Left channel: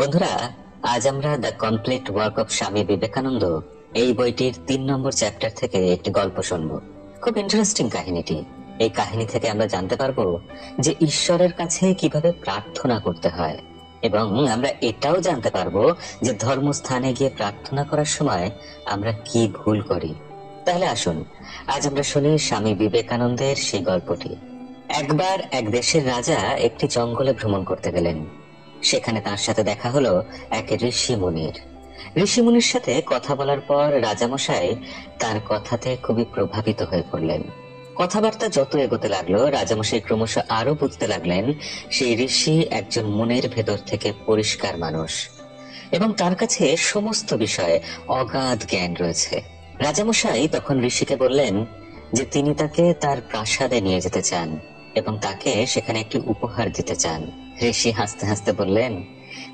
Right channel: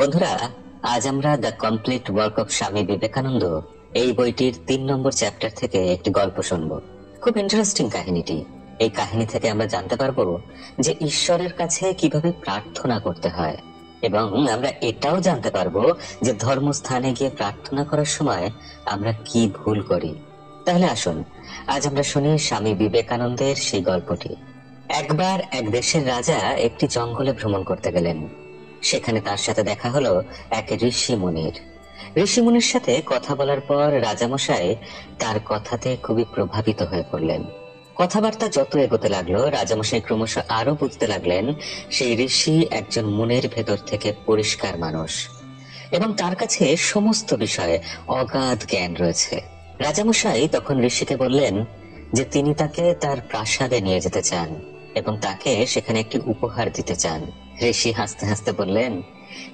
বন্ধুরা, আজ আমরা the complete work of Swami Vivekananda এই বইটির ৩ নম্বর চ্যাপ্টার থেকে একটি গল্প শুনব। খুব ইন্টারেস্টিং কাহিনীটি। এই কাহিনী থেকে আমরা জানতে পারবো যে ঈশ্বরের কাছে কিভাবে প্রার্থনা করতে হয়, এবং আমরা এটাও জানতে পারবো যে ধর্মস্থানে গিয়ে প্রার্থনা করার সময় আমরা কি ভুল করি। তাহলে আসুন আজ আমরা শুনি স্বামী বিবেকানন্দের সেই গল্পটি। একবার এক দেশের রাজা একটি জঙ্গলে ভ্রমণ করতে গেলেন। সেখানে তার সাথে দেখা হলো এক ঋষিমুনির সাথে কথা বলার পর রাজামশাই তার কথাতে খুবই প্রভাবিত হয়ে পড়লেন। কথাবার্তা যত এগোতে লাগলো, রাজামশাই ক্রমশ আরো বুঝতে লাগলেন সেই ঋষি একজন মনের ভেতর থেকে পরিষ্কার মানুষ, এবং তার কাছে সমস্ত বিষয়ে অগাধ জ্ঞান রয়েছে। রাজামশাই তখন ঋষিকে বললেন যে তিনি তাকে তার প্রাসাদে নিয়ে যেতে চান এবং তাকে সেখানে একটি উপহার দিতে চান। ঋষি হাসতে হাসতে বললেন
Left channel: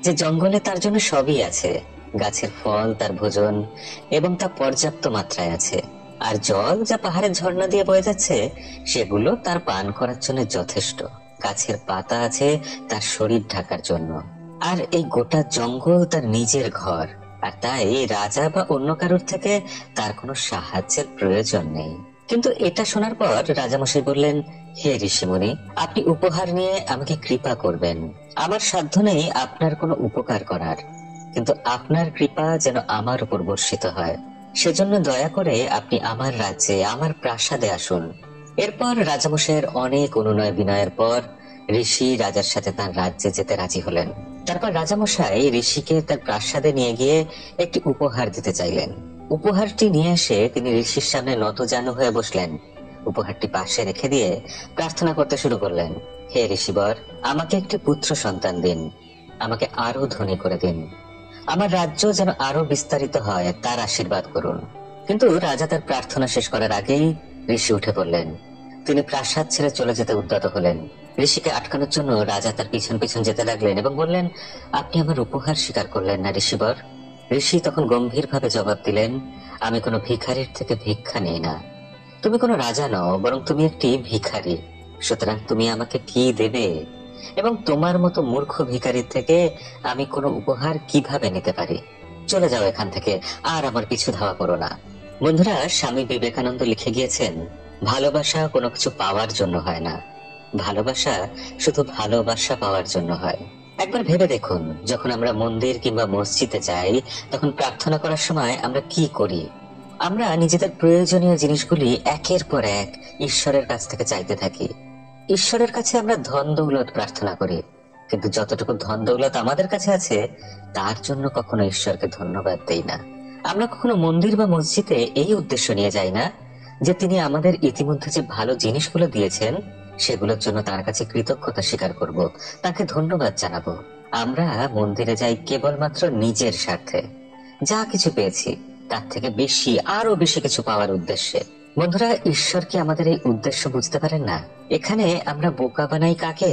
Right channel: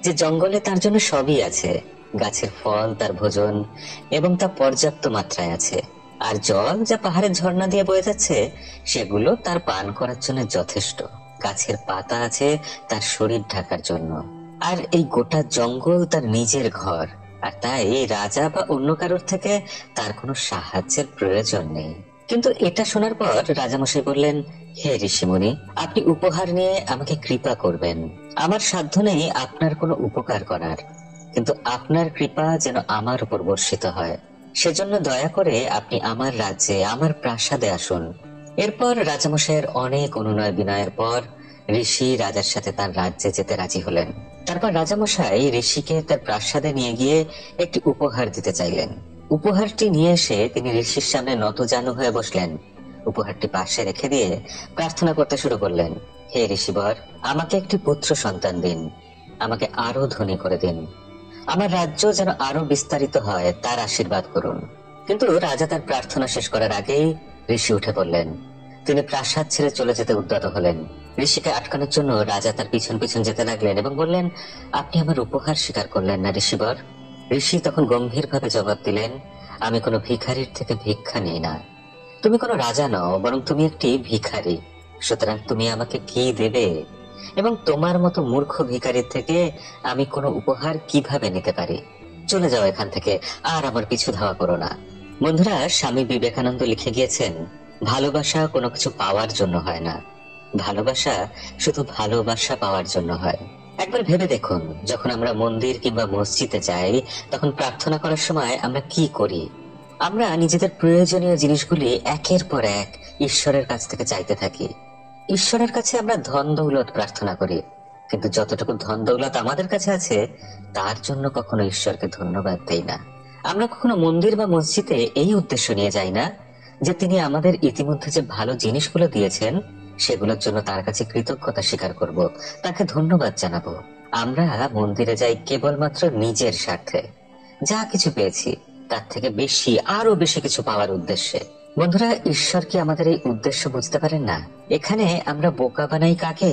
যে জঙ্গলে তার জন্য সবই আছে, গাছের ফল তার ভোজন এবং তা পর্যাপ্ত মাত্রায় আছে, আর জল যা পাহাড়ের ঝর্ণা দিয়ে বয়ে যাচ্ছে সেগুলো তার পান করার জন্য যথেষ্ট। গাছের পাতা আছে তার শরীর ঢাকার জন্য, আর এই গোটা জঙ্গল তার নিজের ঘর, আর তাই রাজা বা অন্য কারোর থেকে তার কোনো সাহায্যের প্রয়োজন নেই। কিন্তু এটা শোনার পর রাজামশাই বললেন, হে ঋষিমুনি, আপনি উপহার নিয়ে আমাকে কৃপা করবেন। আমার সাধ্য নেই আপনার কোনো উপকার করার, কিন্তু আপনার কৃপা যেন আমার উপর বর্ষিত হয়, সেজন্য দয়া করে আপনি আমার রাজ্যে, আমার প্রাসাদে আসুন। এরপর রাজামশাইয়ের অনেক অনুনয় বিনয়ের পর ঋষি রাজার সাথে তার রাজ্যে যেতে রাজি হলেন। তারপর রাজামশাই ঋষিকে তার প্রাসাদে নিয়ে গিয়ে একটি উপহার দিতে চাইলেন। উপহারটি নিয়ে এসে তিনি ঋষির সামনে নতজানু হয়ে বসলেন। উপহারটি পাশে রেখে দিয়ে প্রার্থনা করতে শুরু করলেন, হে ঋষিবর, আমাকে একটি পুত্র সন্তান দিন, আমাকে আরো ধনী করে দিন, আমার রাজ্য যেন আরো বিস্তারিত হয় তার আশীর্বাদ করুন। কিন্তু রাজা তার প্রার্থনা শেষ করার আগেই ঋষি উঠে পড়লেন। তিনি প্রাসাদ ছেড়ে চলে যেতে উদ্যত হলেন। ঋষিকে আটকানোর জন্য রাজা তার পিছন পিছন যেতে লাগলেন এবং বললেন, আপনি আমার উপহার স্বীকার করলেন না ঋষিবর। ঋষি তখন গম্ভীর ভাবে জবাব দিলেন, আমি কোনো ভিখারির থেকে ভিক্ষা নিই না। তুমি কোনো রাজা নও, বরং তুমি একটি ভিখারি। সুতরাং তুমি আমাকে কি দেবে, এবং তোমার মতো মূর্খ ভিখারির থেকে আমি কোনো উপহার কিভাবে নিতে পারি? চলে যাও এখান থেকে, আর আমার পিছু ধাওয়া করো না। বন্ধুরা, স্বামী বিবেকানন্দ লিখে গিয়েছেন, ভালোবাসা কোনো কিছু পাওয়ার জন্য হয় না, ভালোবাসা শুধু ভালোবাসা পাওয়ার জন্য হয়। একবার ভেবে দেখুন, যখন আমরা মন্দির কিংবা মসজিদে যাই, তখন প্রার্থনা করার সময় আমরা কি করি? আমরা নিজেদের প্রয়োজনীয় জিনিসগুলি একের পর এক ঈশ্বরের কাছ থেকে চাইতে থাকি। ঈশ্বরের কাছে আমরা ধন দৌলত প্রার্থনা করি, কিন্তু যতটুকু ধন দৌলত আমাদের কাছে আছে তার জন্য কখনো ঈশ্বরকে ধন্যবাদ দেই না। আমরা কখনো মন্দির বা মসজিদে এই উদ্দেশ্য নিয়ে যাই না যে তিনি আমাদের ইতিমধ্যে যে ভালো জিনিসগুলো দিয়েছেন সেগুলোর জন্য তার কাছে কৃতজ্ঞতা স্বীকার করব, তাকে ধন্যবাদ জানাবো। আমরা মন্দিরে যাই কেবলমাত্র নিজের স্বার্থে, যা কিছু পেয়েছি তার থেকে বেশি, আরো বেশি কিছু পাওয়ার উদ্দেশ্যে। বন্ধুরা, ঈশ্বর কি আমাদের এই উদ্দেশ্য বুঝতে পারেন না? এখানে আমরা বোকা বানাই কাকে?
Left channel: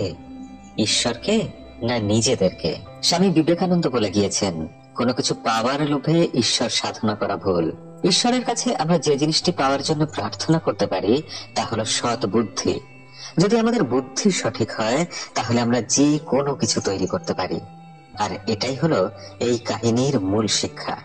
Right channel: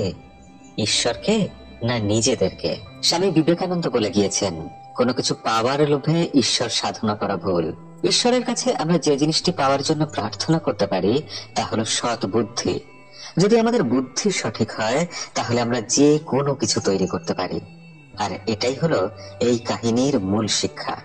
ঈশ্বরকে না নিজেদেরকে? স্বামী বিবেকানন্দ বলে গিয়েছেন, কোনো কিছু পাওয়ার লোভে ঈশ্বর সাধনা করা ভুল। ঈশ্বরের কাছে আমরা যে জিনিসটি পাওয়ার জন্য প্রার্থনা করতে পারি তা হলো সৎ বুদ্ধি। যদি আমাদের বুদ্ধি সঠিক হয় তাহলে আমরা যে কোনো কিছু তৈরি করতে পারি। আর এটাই হলো এই কাহিনীর মূল শিক্ষা।